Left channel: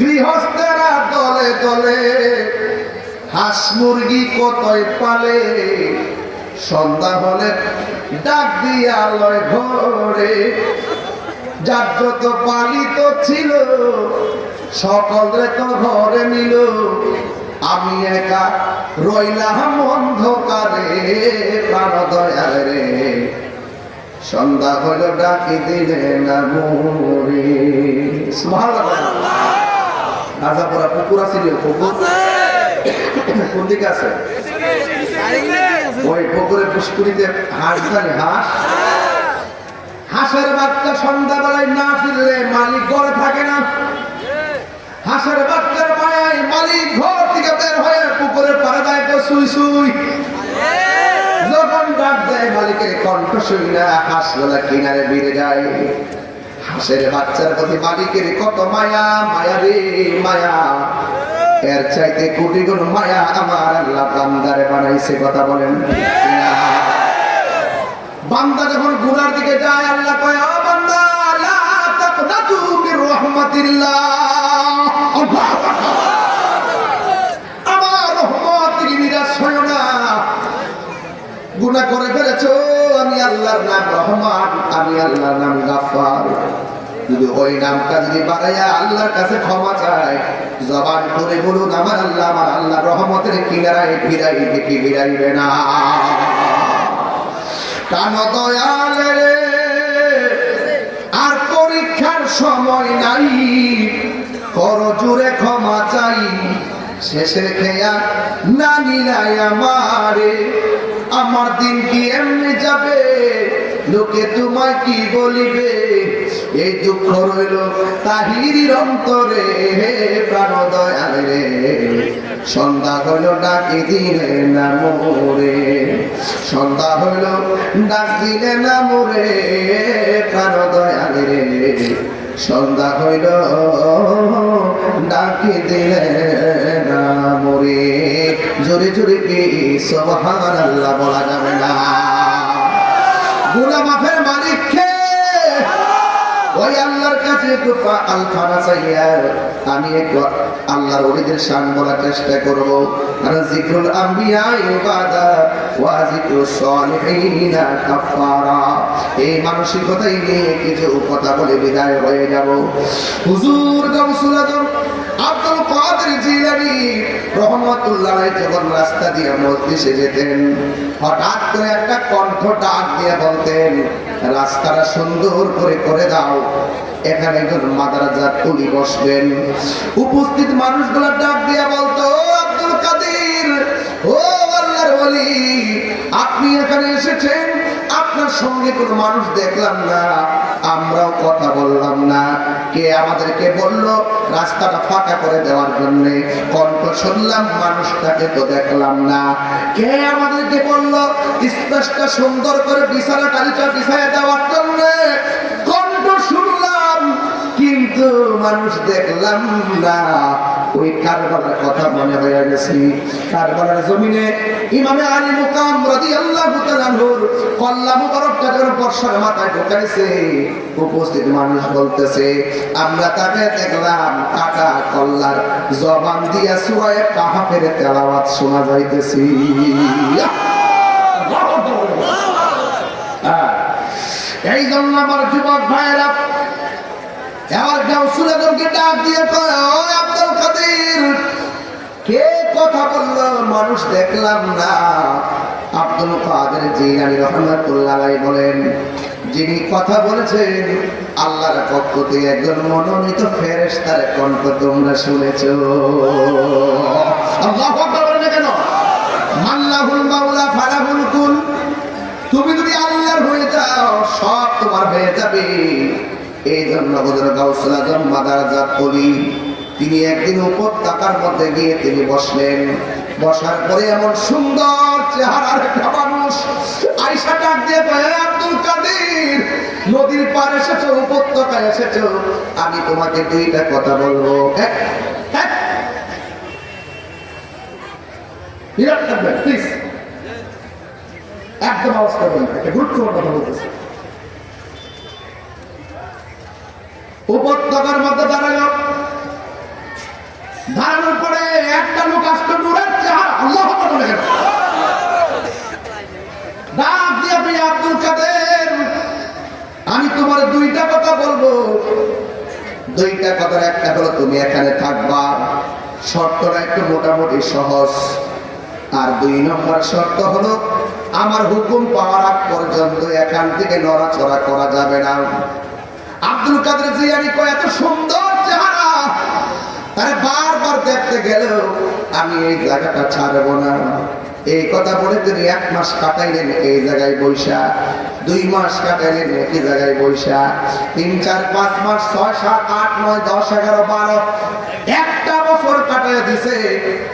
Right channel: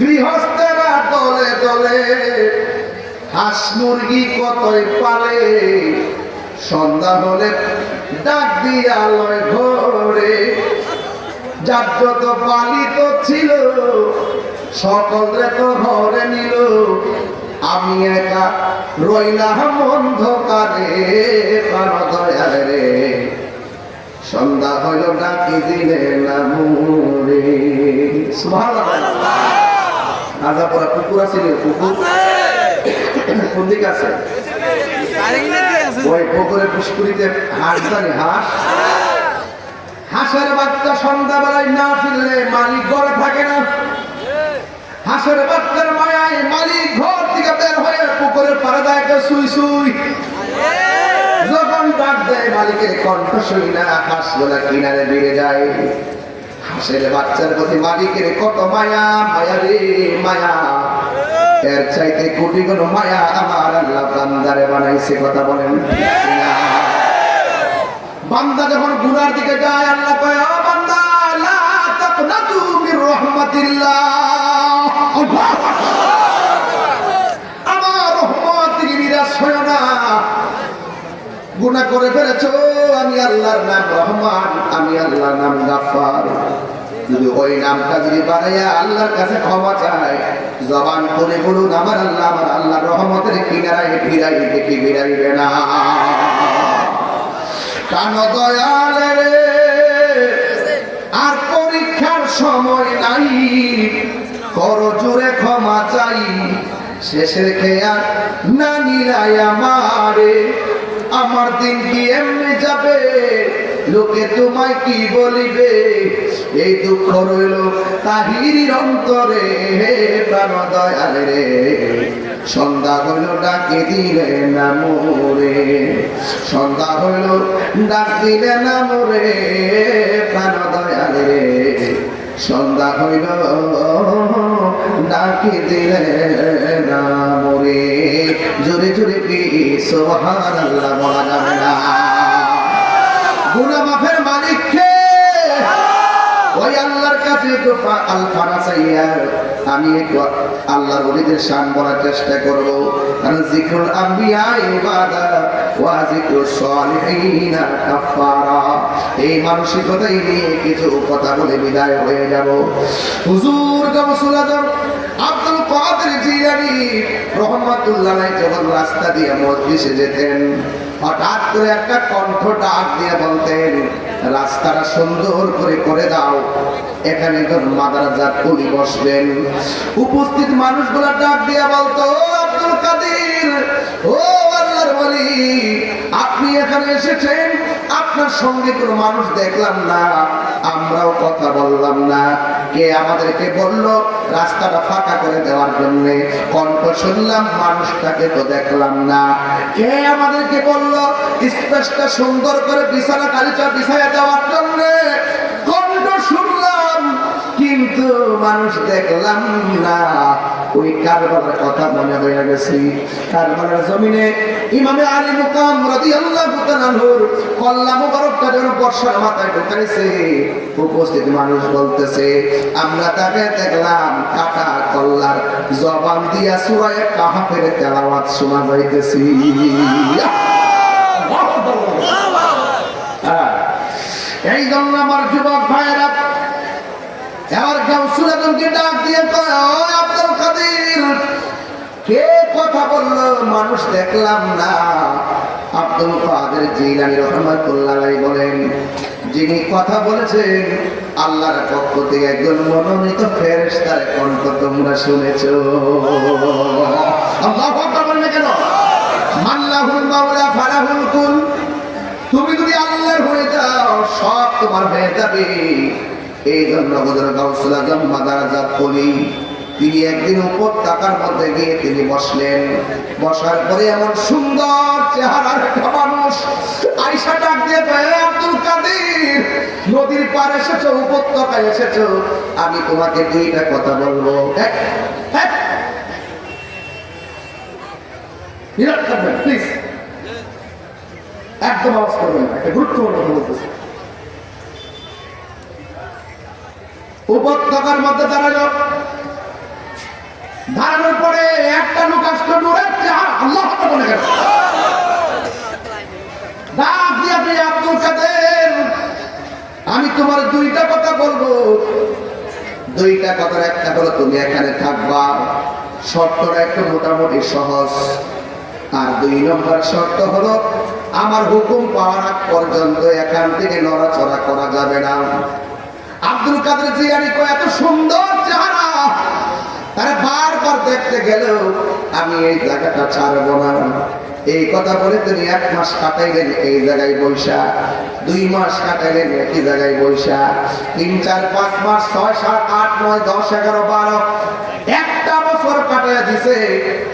গৃহস্থেরা দলে দলে হাঁস মুরগি কতই পালে, সন্ধ্যা হলে ডাক দিয়া লয় ঘরে। যার যত পালিত ছিল সকলে তো ঘরে নিল, আমি একা রইলাম অন্ধকারে। প্রাণ দয়াল রে, সন্ধ্যা হইল ডাকি দিলে না মোরে। সুবহানাল্লাহ। রাজাপুরা পুকুর আছে, পুকুর কোন দিকে আছে? ওই পুকুরে পুষ্করিতে হাঁস জানে, হাঁস হাঁসের বাচ্চা সন্ধ্যাবেলায় না ফিরলে মালিক ঘরে থাকে না। হাঁসের বাচ্চার মায়ায় মালিক ঘর থেকে বের হয়ে পুকুরে পাড়া যায় তো সুই সুই। যখন ডাক দেয় মালিকের কণ্ঠ শুই না, হাঁসগুলা কিনারে বেড়ে যায়। হাঁসের বাচ্চার প্রতি মালিকের কত মায়া, মায়া রে মায়া। এর চাইতে কোটি গুণ মায়া আমার আল্লাহ বান্দারে বানাইছে। কথা বলেন। বান্দা যখন গুনার দিকে যায়, আল্লাহ কয়, ও বান্দা লা তাকনাতু মির রাহমাতিল্লাহ, আমার রহমত থেকে নিরাশ হয় না। গুনাহ করে ফেলেছো, আমি আল্লাহর নাম রহমান, আমি আল্লাহর নাম গাফফার। যদি ওই নামটা যদি বাড়াইয়া আল্লাহর কাছে ক্ষমা চায়, জবান করে বলুন, আমার আল্লাহ রহমতের কিনারায় ফিরাই দেখি ফিরাইবে না। কান দয়ালে আর পরীক্ষার সময় নাই, কর জোরে ক্ষমা চাই। শেষের খেয়া না নিলাই আমারে, আমার দিন কি এমনি যাবে, লোকে তোমায় কি বলিবে। এই দুঃখ রইল তাহিরির অন্তরে। প্রাণ দয়াল রে, সন্ধ্যা হইল ডাকি দিলে না মোরে, সন্ধ্যা হইল ডাক দিলে না মোরে। প্রাণ দয়াল রে, সন্ধ্যা হইল ডাকি দিলে না মোরে। জোরে জোরে কি সুবহানাল্লাহ বলা যাবে না। গুনাহ মাফের মালিক কে? ওই আল্লাহর কাছে একটু আলফানা চাইয়া আমি একটু আল্লাহর ওলিদের শান বলার চেষ্টা করব। কারণ যিকরুল আম্বিয়া ইবাদা ওয়া যিকরুস সালিহিন কাফারা, এই মানসিকতাই নিয়ে কিছু কথা বলে বিদায় হয়ে যাব। হুজুর গাউসুল আজম আব্দুল কাদের জিলানী রহমাতুল্লাহ আলাইহি যখন রাস্তা দিয়ে মজলিসে যেতেন, হঠাৎ করে একটা কণ্ঠ ডাক দিয়ে বলতেন, রাস্তাটা সুন্দর করে করে দাও, এখানে একজন মাদ্রাসা কুলি বসবেন। উপস্থিত মানুষগুলো ডাক দিয়ে বলতো, আব্দুল কাদের, ও আল্লাহর ওলি, আপনি এখানে এসেছেন, আপনার সঙ্গে কোনো মানুষ দেখলাম না, আমরাও কথা বললাম না। কে আমাদেরকে বলল রাস্তাটা ফাঁকা করে দেওয়ার জন্য? কণ্ঠ শুনলাম, মানুষটাকে তো দেখলাম না। কে আমাদেরকে বলল স্পেসটা সুন্দর করে বিছানা কালিটা বিছায় দেওয়ার জন্য? কণ্ঠ শুনলাম, কিন্তু মানুষ দেখলাম না। ওই কারবালার কথা মনে হয়ে গেছে। কারবালার জমিনে ইমামে আলী মুকাম রাদিয়াল্লাহু তাআলা নূর কল্লা মুবারকটা যখন বর্ষার মাথায় ঢুকাইছে, উপস্থিত মানুষ বলতেছে, আমরা তাকে দেখলাম কাটা কল্লার জবান দিয়া সূরা কাহফের তেলাওয়াত শোনা যাইতেছে। এই জন্য আমার যুবক ভাইরা, এবার গাউসুল আজমকে ডাক দিয়ে কয়, ও আব্দুল কাদের, কে কথা বললো? মানুষ দেখলাম না। আব্দুল কাদের জিলানী রাহমাতুল্লাহ আলাইহি বলেন, যিনি কথা বলেছেন আল্লাহর পক্ষ থেকে একজন মনোনীত ফেরেশতার কণ্ঠ তোমরা শুনেছো। আল্লাহু আকবার বলেন কেন? মাল্লাহুল মাওলা ফালাহুল কুল, তুমি যদি আল্লাহর হয়ে যাও সব তোমার হয়ে যাবে। এই জন্য হযরত গাউসুল আজম মাদারজাত কলি তিনি একদিন উপত্যকার মধ্যে গিয়ে তিনি বসলেন। বসার পরে এমন সুন্দর চেহারার একটা মানুষ আয়েশা ডাক দিয়ে বলে, আব্দুল কাদের, নদীর পাড়ে এসেছো, উপত্যকায় এসেছো, আমি তোমাকে দুইটা কথা বলবো। প্লিজ একদম আওয়াজ করবেন না, গুরুত্বপূর্ণ কথা বলতেছে। উপত্যকার মধ্যে দাঁড়ালো। দাঁড়ানোর পরে একটা লোক আসলো, নূরের চেহারা, আল্লাহ বলে গেল, ডাক দিয়ে বলে, আব্দুল কাদের, আমি তোমার দুইটা কথা বলবো। দুইটা কথার একটা হলো তুমি এখানে থাকবা, শর্তটা একটু মোটামুটি সহজ। আর 2 নম্বর শর্ত হলো আমার হুকুম পাওয়ার আগ পর্যন্ত এখান থেকে নড়াচড়া করা যাবে না। আব্দুল কাদের জিলানী এত সুন্দর চেহারা, তারা বারবার দেখতে গেল, আমি এই জায়গাটা ছাড়বো না। এই কথা বলে তিনি 1 মাস কাটাইলেন এই জায়গায় বৈশা, 2 মাস কাটাইলেন একই জায়গায় বৈশা, 3, 4, 5 মাস, 6, 7, 8, 9, 10, 11, 12, একটা বছর কাটাইয়া দিছে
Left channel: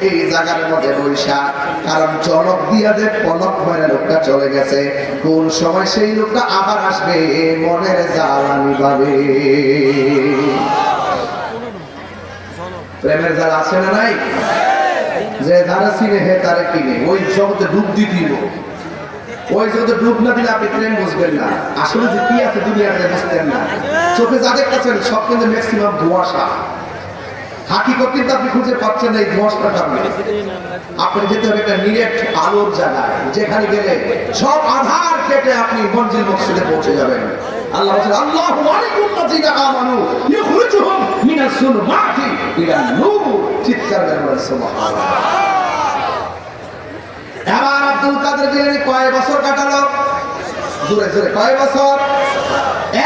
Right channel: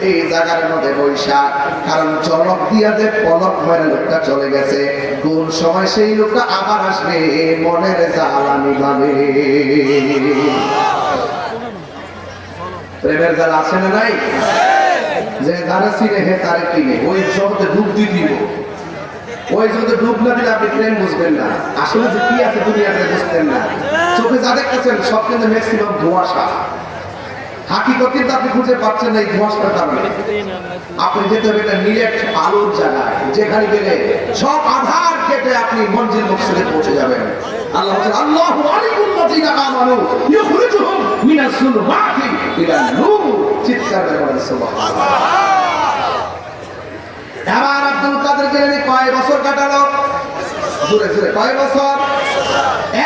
এই জায়গার মধ্যে বৈশা। কারণ চলক দিয়া যে পলক মেরে লোকটা চলে গেছে, কোন সময় সেই লোকটা আবার আসবে মনের জ্বালানি পাবে। প্রেমের জ্বালা আছে না নাই? যে যারা চিনে হে তারা কিনে, ওই জগতে ডুব দিব। ওই জগতে ডুব না দিলে আপনি প্রেম বুঝবেন না, আসলে যে কি আছে দুনিয়াতে বুঝতেন না। চোখে যা দেখতেছেন সব কিন্তু ম্যাক্সিমাম ধোঁয়াশা, হাকিকত কিন্তু আপনি খুঁজে পাচ্ছেন এই ধোঁয়াশার কারণে। আপনি যেতে হবে একটা নিরেট আলোর জায়গায়, যেখানে গেলে সব আধার কেটে আপনি মঞ্জিল মকসদে পৌঁছে যাবেন। আল্লাহ বলেন, আল্লাহু আলাইকুল্লাযিনা আমানু ইখরিজুহুম মিনাস যুলুমাতি ইলা নূর। চিৎকার করে বলেন সুবহানাল্লাহ। এবার আব্দুল কাদের জিলানী কয় বছর কাটালো? জোরে জোরে কয় বছর?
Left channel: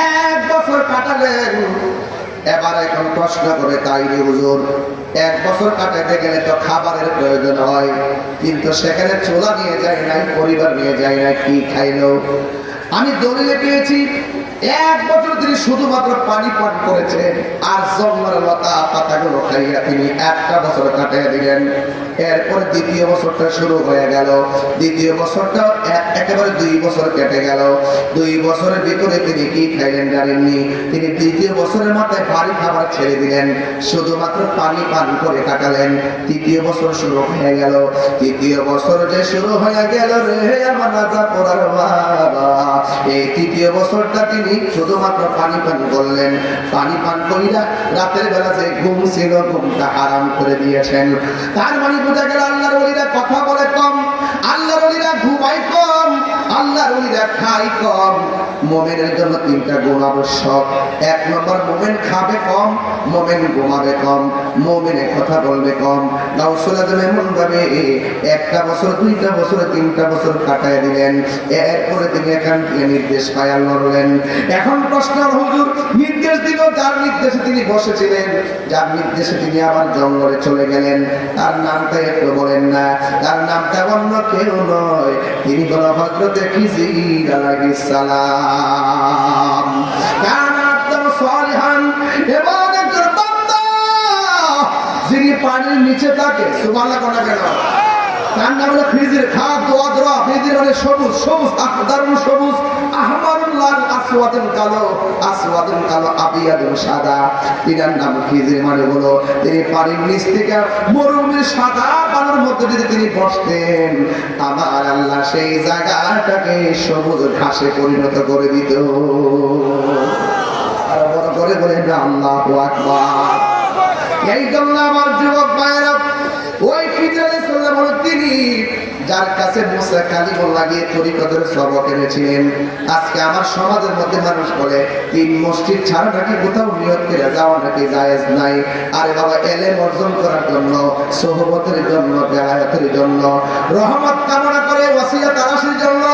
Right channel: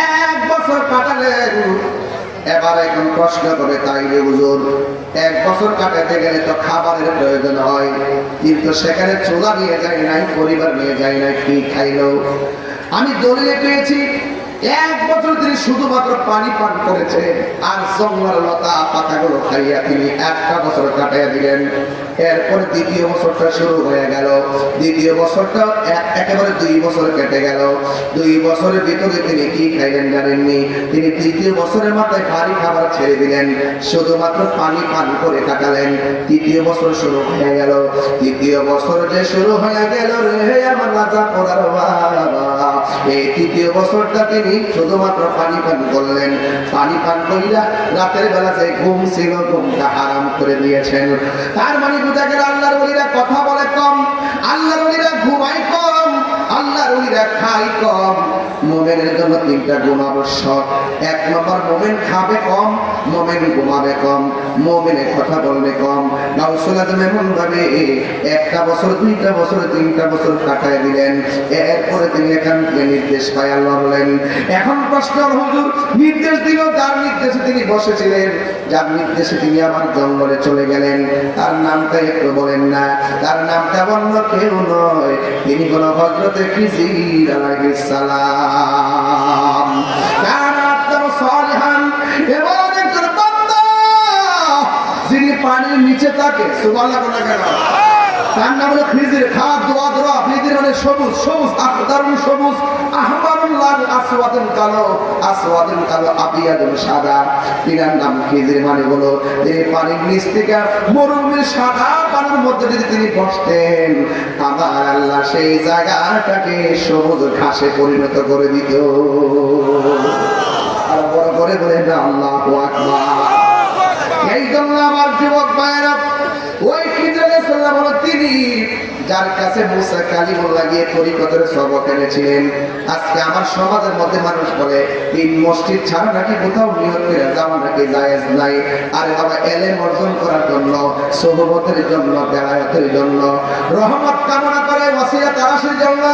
1 বছর কাটালেন। এবার এখন প্রশ্ন করে, তাই রে হুজুর, 1 বছর কাটাতে গেলে তো খাবারের প্রয়োজন হয়, কিন্তু সেখানে চুলা নিয়ে যায় নাই, পরিবার নিয়ে যায় নাই, কি খাইলো? আমি দলিলে পেয়েছি 1 বছর তিনি শুধুমাত্র পানি পান করেছেন, আর জঙ্গল লতা পাতাগুলো খাইয়া তিনি 1টা বছর কাটাইয়া দিলেন। এরপর 2য় বছরটা শুরু হয়ে গেল, 2য় বছরটা একেবারে 2 বছর কেটে গেল। 2 বছরের ভিতরে তিনি কি খাইলেন জানেননি? তিনি 3য় বছরের মাথায় ভারী খাবার ছেড়ে দিলেন, শুধুমাত্র পানি পান করে কাটালেন। 3য় বছর শুরু হয়ে গেল। 3য় বছর যে শুরু হয়ে গেল রে আমার রাজা পড়ার বাবা, এই 3য় বছরটা তিনি শুধুমাত্র পানি পান করলেন। পানি পান করিলা রাতের বেলা যে ঘুম ছিল, ঘুমটা হারাম করে দিয়েছেন। তার মানে বোঝা গেল আল্লাহর ওলিরা কথা বলে কম, আল্লাহর ওলিরা ঘুমায় কম, আল্লাহর ওলিরা খায় কম। মুমিনের জন্য 3টা গুণ আবশ্যক। 1 নম্বর, মুমিন খাবে কম, মুমিন ঘুমাবে কম, মুমিনের কথা বলবে কম। গাউসুল আজম এমন ভাবে 1টা বছর, 2টা বছর, 3টা বছর কাটায় দিলেন। এরপরে তিনি এখান থেকে নির্দেশ পায় আল্লাহ বলেন। এখন প্রশ্ন, হুজুর নির্দেশ দিল, যার নির্দেশে তিনি বসেছিলেন, যার নির্দেশে তিনি আবার জঙ্গলে চলে গেলেন, তার নামটা একটু বলেন না? তার নামটা অন্য কেউ নয়, তিনি হল হযরতে খিজির আলাইহিস সালাম। কানা আদম সালিহান, এবং একজন বান্দা যিনি পানির নিচে থাকে। সুবহানাল্লাহ বলা গেল। তার নাম হলো খিজির। খা দোয়া দোয়া, খিজির মানে সবুজ, সবুজ আখদারুল সবুজ, আহমারুল লাল, আসওয়াদুল কালো, আসওয়াদুল কালো, আবিয়াদুল সাদা। তিনার নাম খিজির, মানে হলো তিনি পানির নিচ থেকে মরুভূমির সাদা পানির মধ্যে যদি তিনি বসতেন, আমার আল্লাহ সেই জায়গাটাকে সবুজ ঘাসে পরিণত করে দিত। আর বড় করে বলে আল্লাহু আকবার। এই জন্য আমার যুবক ভাইয়েরা, ওই খিজির আলাইহিস সালাম হলো তিনি যার কাছে মুসা কালিমুল্লাহ গিয়ে তরিকতের সবক এনেছিলেন। আজকে আমার সমাজের মধ্যে মানুষ বলে 3 মসজিদ ছাড়া নাকি কোথাও নিয়ত করে যাওয়া নাকি জায়েজ নাই। আরে বাবা, ইলম অর্জন করার জন্য, সোহবতের জন্য, বেলায়েতের জন্য, রহমত কামনা করে, ওসিলা তালাশের জন্য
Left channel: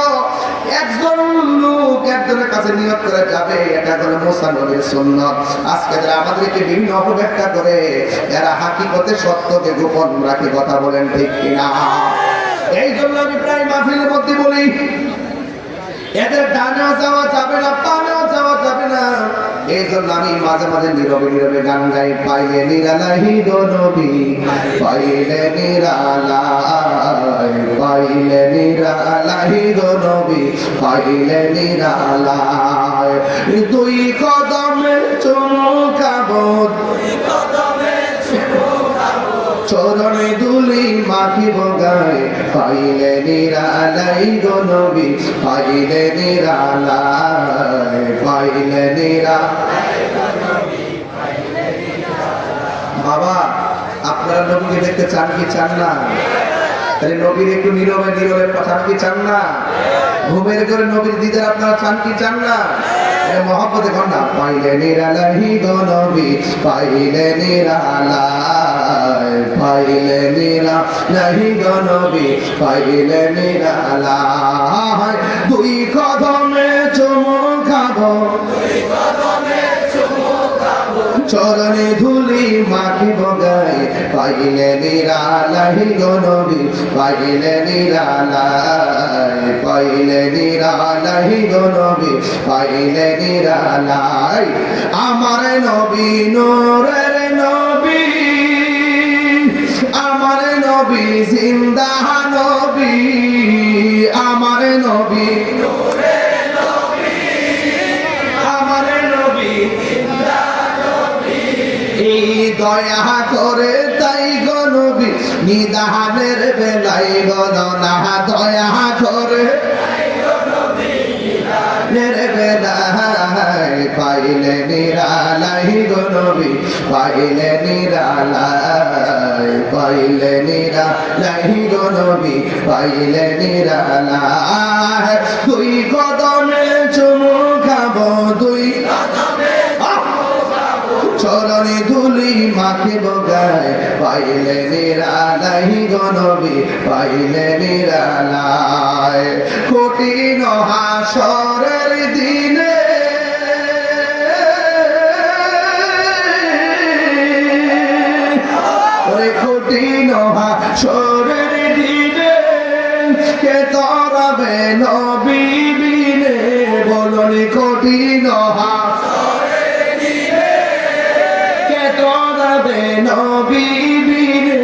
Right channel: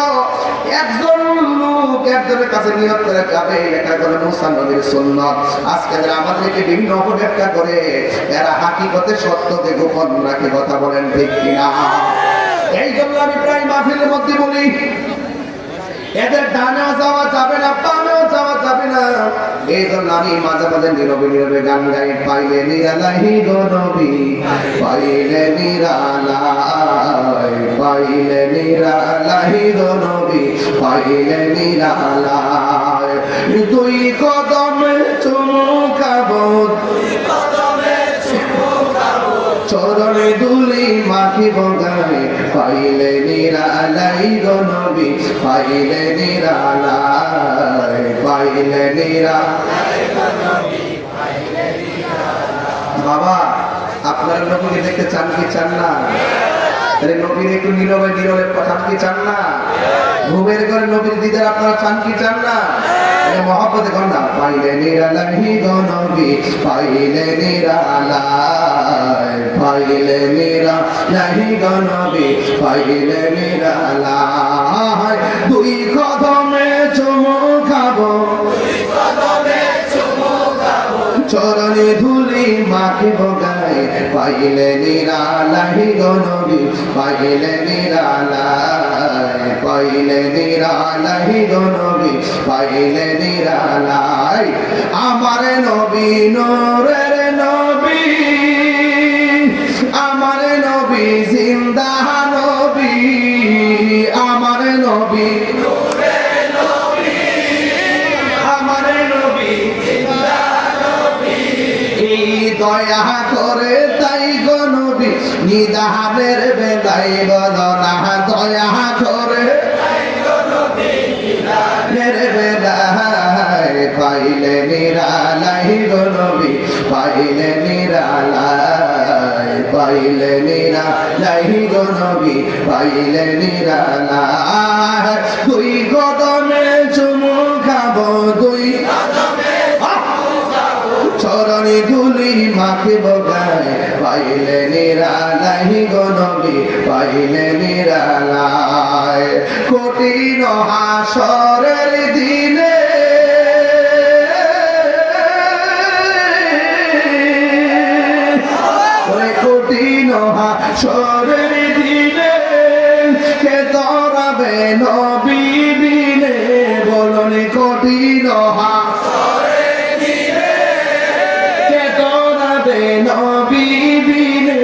একজন লোক একজনের কাছে নিয়ত করে যাবে, এটা হলো মুসা নবীর সুন্নাত। আজকে যারা আমাদেরকে বিভিন্ন অপব্যাখ্যা করে, এরা হাকিকতে সত্যকে গোপন রাখে। কথা বলেন ঠিক কিনা? এই জন্য আমি প্রায় মাহফিলের মধ্যে বলি, এদের ডানেও যাওয়া যাবে না, বামেও যাওয়া যাবে না। এই জন্য আমি মাঝে মাঝে নীরবে নীরবে গান গাই, পাইলে নিরালাই গো নবী, পাইলে নিরালাই, পাইলে নিরালাই গো নবী, পাইলে নিরালাই। 2 কদমে চুমুকাবো, চরণে দুলি মাখিব গায়ে, পাইলে নিরালাই গো নবী, পাইলে নিরালাই, পাইলে নিরালাই। বাবা আপনারা নবীকে দেখতে চান কি চান না? তাহলে নবীর একটু নীরবে নীরবে কথা কি চান না? ঘুমের ঘরে নবীর দিদার আপনারা চান কি চান না? মহব্বতে কন্যা পাইলে নিরালাহি গো নবী, পাইলে নিরালাই, পাইলে নিরালাহি গো নবী, পাইলে নিরালাই। দুই কদমে চুমু খাবো, চরণে ধুলি মাখিব গায়ে, পাইলে নিরালাই গো নবী, পাইলে নিরালাই, পাইলে নিরালাই গো নবী, পাইলে নিরালাই। আমার নবী নূরের নবী, আমার নবী জিন্দা নবী, আমার নবী দয়া করে তাই গো নবী নিদানের বেলায় গণনা, দয়া করে বেলায় পাইলে নিরালাই গো নবী, পাইলে নিরালাই, পাইলে নিরালাই গো নবী, পাইলে নিরালাই। দুই কদমে চুমু খাবো, দুই চরণে ধুলি মাখিব গায়ে, পাইলে নিরালাই গো নবী, পাইলে নিরালাই। কঠিন হাসরের দিনে কঠিন হাসরের দিনে কে তরবে নবী বিনে, বলুন কঠিন নবী বিনে,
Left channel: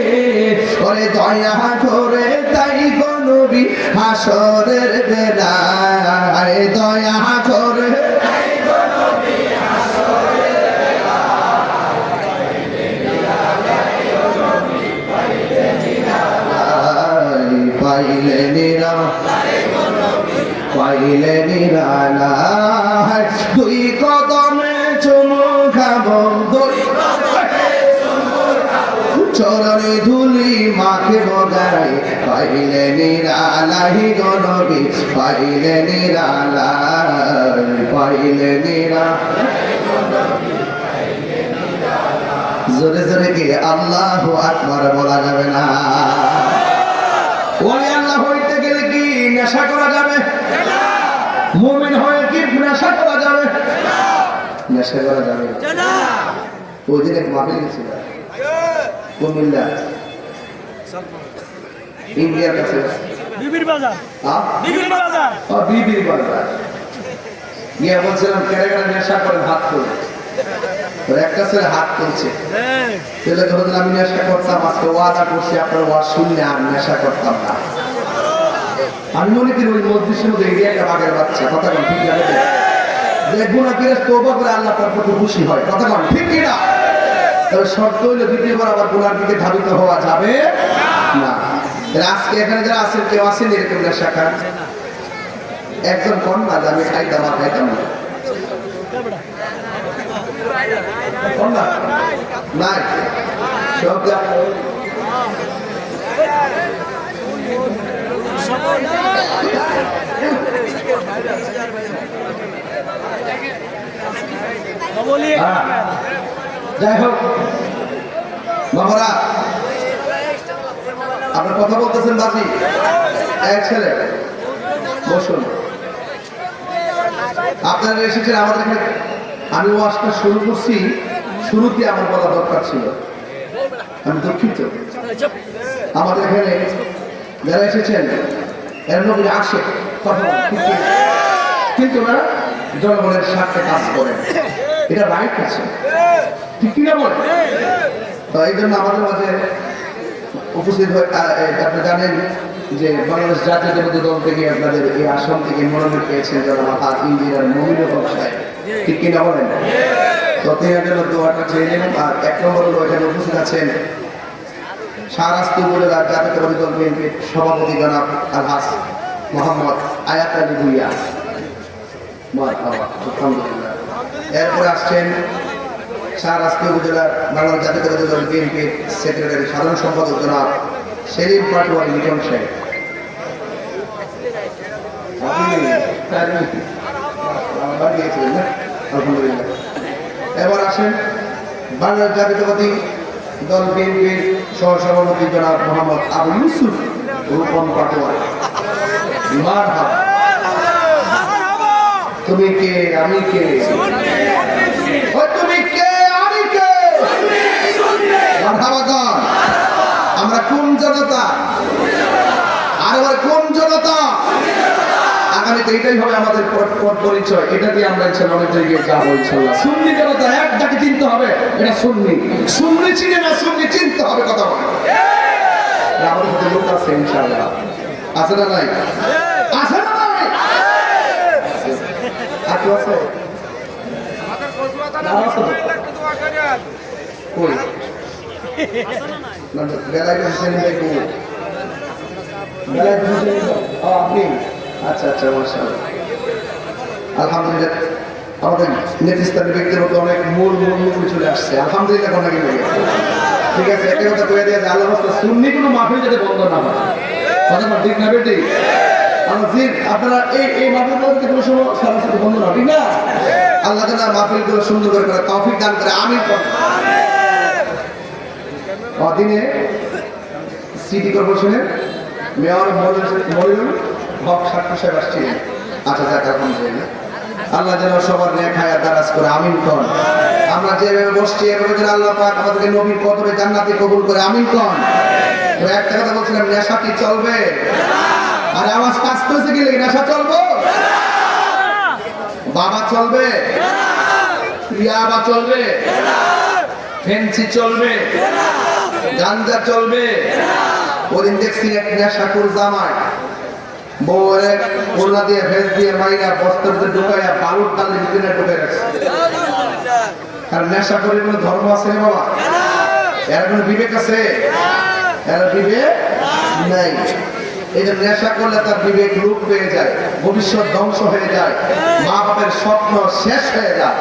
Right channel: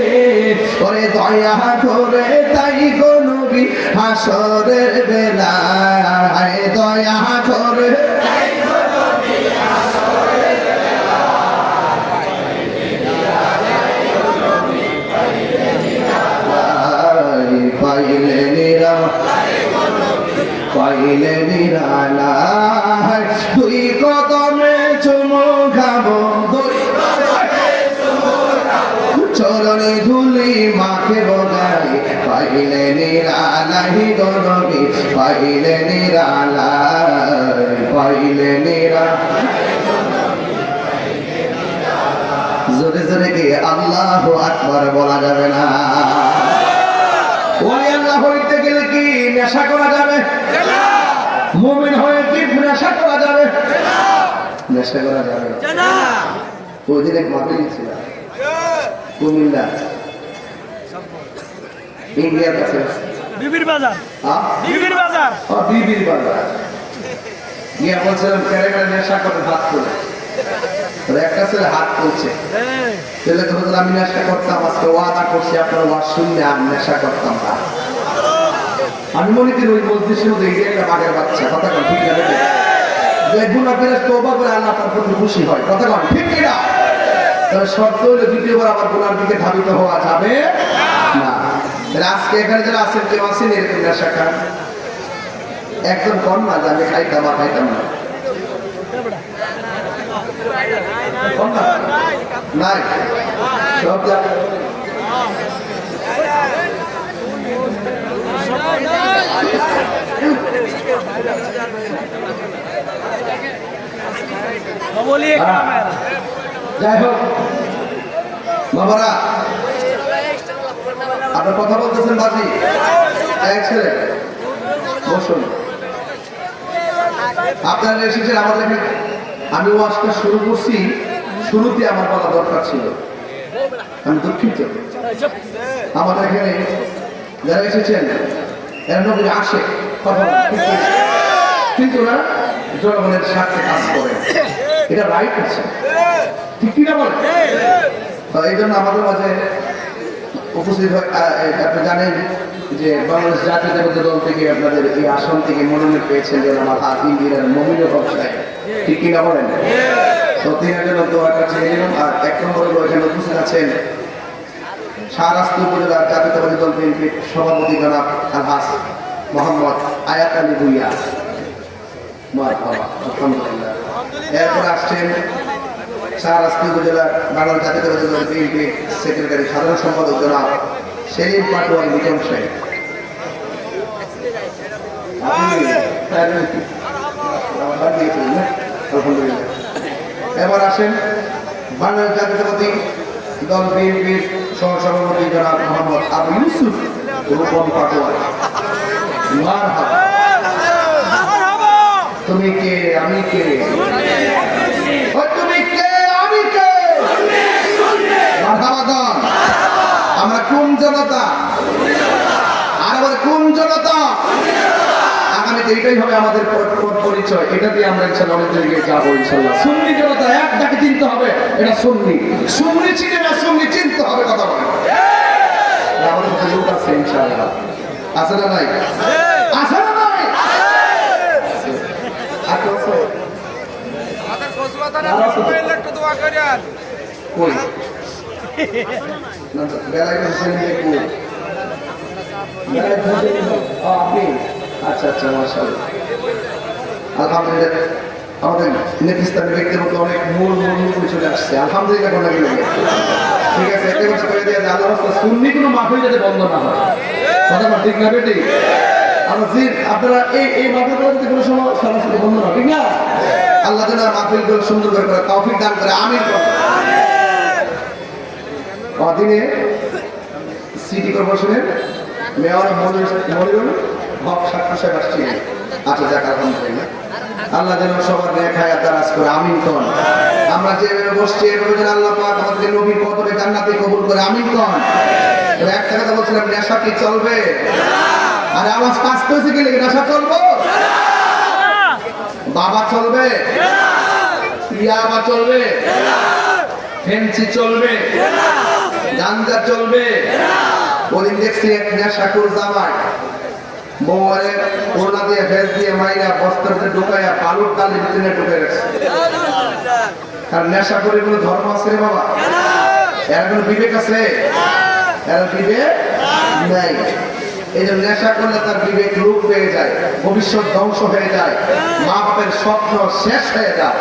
ওরে দয়া করে তাই গো নবী হাসরের বেলায়, দয়া করে পাইলে নিরালাই, পাইলে নিরালাই। দুই কদমে চুমু খাবো, চরণে ধুলি মাখিব গায়ে, পাইলে নিরালাই গো নবী, পাইলে নিরালাই, পাইলে নিরালাই। জোরে জোরে কি আল্লাহু আকবার বলা যাবে না? ওলি আল্লাহ হইতে গেলে কি নেশা করা যাবে? মুমিন হয়ে কি নেশা করা যাবে? নেশা করা যাবে না। ওই দিন এক মাহফিল ছিল কুমিল্লা ইন্ডিয়ার কাছে বিবির বাজার, বিবির বাজার, বিবির বাজার গিয়ে বলছিলাম কেন নেশা করে হাত তুলে, একটা ছেলে হাত তুলছে, ছেলে তো আমি নেশা করতাম, আজকে ওয়াদা করছি আপনার ওয়াজ শুনলে আমি নেশা করতাম না। আমি মনে করি ওই পঁচিশের মধ্যে এই একটা বাঘের বাচ্চা, কথা কম ঠিক লাগে দেখুন আপনারা তোবা করে আল্লাহ তার প্রতি খুশি হয়, কথা কম ঠিক কিনা? তবে শর্ত হলে দ্বিতীয়বার আবার গুনার দিকে ধাবিত হওয়া যাবে না। আজকে এখানে যারা আছেন কেউ আছেন এরকম নেশা খান? একজন কন না যে আমি খাইতাম আর খাইতাম না, নাই সব যাই হোক বাবারা, আপনার কথা বলতেছেন বাজি এক ছেলে বসুন। আপনারা এসেছেন আমাদের, আমি ওয়াজটা শুরু করছি, শুরুতে আমার বলা দরকার ছিল, আমি দুঃখিত। আমাদের এখানে যারা এসেছেন এর নবী আসে কিন্তু না জনগণের স্বার্থে কাজ করে, এটা রাইট আছে ঠিক কিনা বলে? এই জন্য আমাদের মাঝে উপস্থিত হয়ে আপনি জানেন যে বাংলাদেশ জাতীয়তাবাদী দল থেকে আপনাদের এই আসন থেকে মনোনীত পেয়েছেন জনাব ইন্দিরার মহিলা ব্যবসায়, ঠিক কিনা বলেন? প্রতিদিনের জন্য দোয়াটা চেয়ে নিন। আর এক নম্বর হলো এখানে উপস্থিত আছেন শাহরাস্তি উপজেলার জাতীয়তাবাদী দল বিএনপির সভাপতি জনাব আলহাজ মোহাম্মদ আয়াত আলী ভুইয়া, আলহামদুলিল্লাহ। এরপরে আসছেন শাহরাস্তি উপজেলা বাংলা জাতীয়তাবাদী দল বিএনপির সেক্রেটারি সাধারণ সম্পাদক জনাব সেলিম পাটোয়ারি লিটন সাহেব। এবার আসেন বাংলা জাতীয়তাবাদী দল বিএনপির সহসভাপতি জনাব মোহাম্মদ আবু ইউসুফ রূপম পাটোয়ারি। মারহাবা। তুমি কে আমি কে, তুমি কে আমি কে, মারহাবা। আমরা কোন জনতা, আর আবার কোন জনতা? আগামীতে এটাই হবে আমাদের পরিচয়, এটা দিয়ে আমরা ইনশাআল্লাহ অনেক জায়গায় যাবো ইনশাআল্লাহ। সুন্নি জনতা এক যাকে চিনতে হবে, এটা সুন্নি। সুন্নি চিনে না, সুন্নি চিনতে হবে, কথা বলে আমাদের মধ্যে লোক আছে ইনশাআল্লাহ। আছে না নাই? আছে না নাই? কই না বেলায় হোসেন দেখু বেলায় হোসেন আপনি। আচ্ছা আচ্ছা, মাশাআল্লাহ, আলহামদুলিল্লাহ। আমাদের নেতৃস্থানীয় ব্যক্তির মধ্যে অনেক মূল চলে আসছে, আলহামদুলিল্লাহ। ঠিক আছে, একটা কথা কয়ে দিয়ে আল্লাহ সুন্নি কোনো মাহফিল যাতে বন্ধ না হয়, কথা না ঠিক না বেটি? আপনারা এই মাহফিল কোনো সময় সরাসরি বন্ধ না, ঠিক না? আল্লাহ যেন মাহফিলগুলো সুন্দর করে তৌফিক দান করে, আমিন। অধীনে সিটি কর্পোরেশনের মেয়র মনিরুল হক সাক্ষী সাহেব আসছিলেন। আচ্ছা, যাক, আলহামদুলিল্লাহ। আল্লাহ যেন সবার ন্যায় হায়াত দারাজ করে, আমিন কোন। আমরা যেভাবে বসছি এভাবে যেন আল্লাহ পাক আমাদের নবীর কদরে জান্নাতে কবুল করে, আমিন কোন। একটা কথা বলছিলাম, নেশা কি চলবে? আরে আওয়াজ কাজ করছে গেলে নেশা চলবো? বাবা চলবে? ইয়াবা চলবে? ফেন্সি চলবে? গাঞ্জা চলবে? ওদিন দেখছি এক নেশাকুর জামাই বউয়ের ওড়না দিয়ে ফেস দিয়ে মাইনা বস্ত্রতে ঢুকাইয়া বালুর তালে ভিতরে ঢুকে রাখছে। কারণ নেশা করে কোনো ধর্ম আছে রে বাবা? এর কোনো বিবেক আছে? এর বিবেক নাই। এই জন্য নেশা করলে তার বিবেক রূপ পেয়ে যায়, ভবিষ্যৎ ধ্বংস হয়ে যায়, মা বাপের স্বপ্ন শেষ হয়ে যায়।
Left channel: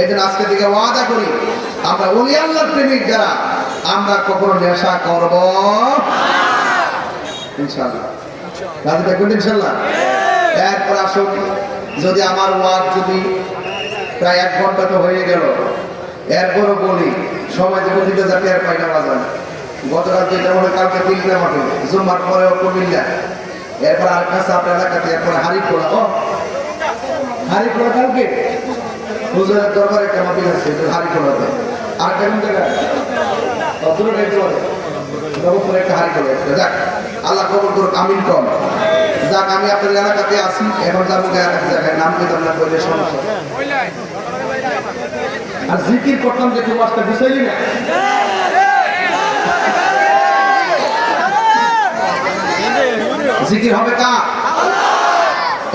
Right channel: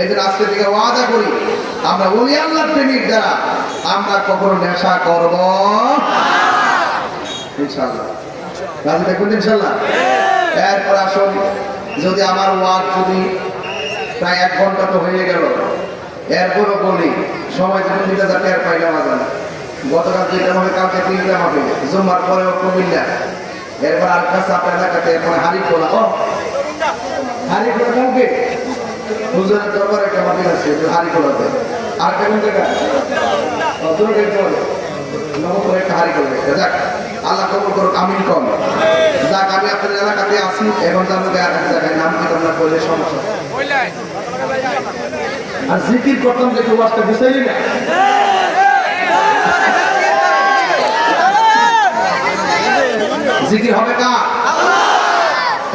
এই জন্য আজকে থেকে ওয়াদা করি, আমরা ওলি আল্লাহর প্রেমিক যারা, আমরা কখনো নেশা করব ইনশাআল্লাহ। রাজি থাকবেন ইনশাআল্লাহ? এরপর আসুন, যদি আমার ওয়াজ যদি প্রায় 1 ঘন্টা তো হয়ে গেল, এরপরও বলি সময় যদি দিতে যাতে আর পাইনা বাজান। গতকাল যেটা মনে কালকে 3টা মাঠে জুমার পরে কুমিল্লা, এরপর আলকাসা আপনার এলাকাতে, এরপর হারিখোলা। হারিখোলা কালকে হুজুরের দরবারে একটা মাটি আছে হারিখোলাতে। আর কেমন জায়গা নবপুরে একটা হারিখোলা। যাক, আল্লাহ কবুল করুক, আমিন কম। যাক, আমি আপনার এলাকাতে আসি, এখন যাবো এক জায়গায়, নাম কি তোমরা বললে সমস্যা। আর জিকির করতাম যে প্রবাসটা বুঝাইলি না। জিকির হবে কা?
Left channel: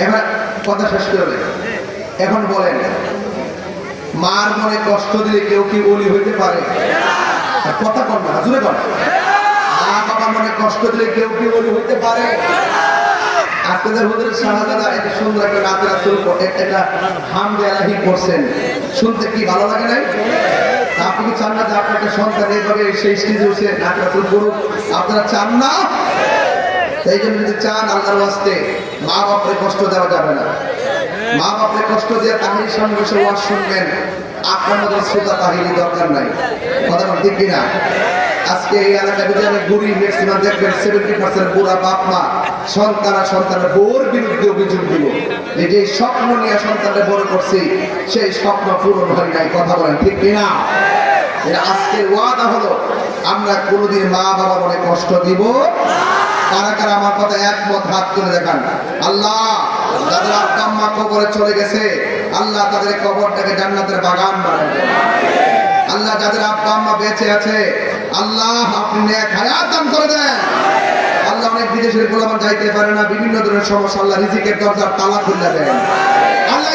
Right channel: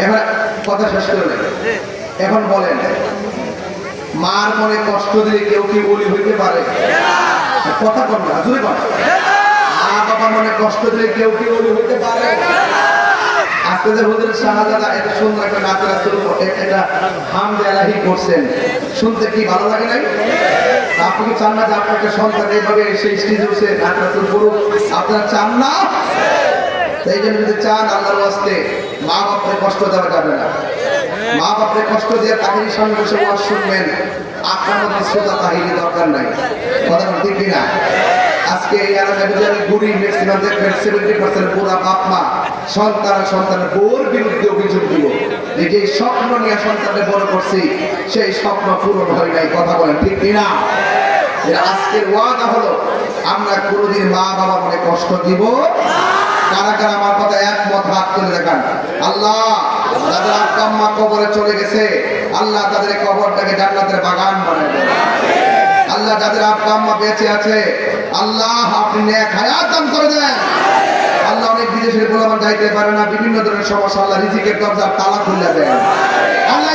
এবার কথা শেষ করলে এখন বলেন, মার মনে কষ্ট দিয়ে কেউ কি ওলি হইতে পারে? কথা কর না, জোরে কর। মা বাবা মনে কষ্ট দিলে কেউ কি ওলি হইতে পারে? আপনাদের হুজুর শাহজাদা এটা সুন্দর একটা নাচ রাসূল একটা হামদে আলাহি করছেন, শুনতে কি ভালো লাগে না? আপনি কি চান না যে আপনাকে সন্তান এইভাবে সেই স্টেজে বসে নাচ রাসূল করুক? আপনারা চান না? এই জন্য যদি চান, আল্লাহর ওয়াস্তে মা বাপকে কষ্ট দেওয়া যাবে না। মা বাপকে কষ্ট দিয়ে তাহির সামনে বসে ওয়াজ শুনবেন, আপনার মধ্যে শ্রোতা তাহিরি দরকার নাই। কথা ঠিক কিনা? আজকে এই এলাকায় যদি আমি ঘুরি, ম্যাক্সিমাম দেখবেন 70% পুরা বাপ মা সন্তানের বউর বিরুদ্ধে অভিযোগ দিব যে স্বপ্ন নিয়ে সন্তানকে বড় করছি, সেই স্বপ্ন পূরণ হয় নাই। কথা বলেন ঠিক কিনা? আজকের ওয়াদা হলো, আমরা কোনোদিন মা বাবা মনে কষ্ট দিব। কারা কারা আমার কথা একমত হাত তুলে দেখান। আল্লাহ যাদের আব্বা আম্মা কবরে চলে গেছে, আল্লাহ তাদের কবরটাকে জান্নাতের বাগান বানায় দেন। আল্লাহ যাদের আব্বা আম্মা বেঁচে আছে, আল্লাহ আপনি নেক হায়াত দান করে দেন। আল্লাহ অনেক বিদেশের গোলাম যাইতে পারে না, বিভিন্ন ধরনের সমস্যা, আল্লাহ রিজিকের দরজা তালা খুলে দেন। আল্লাহ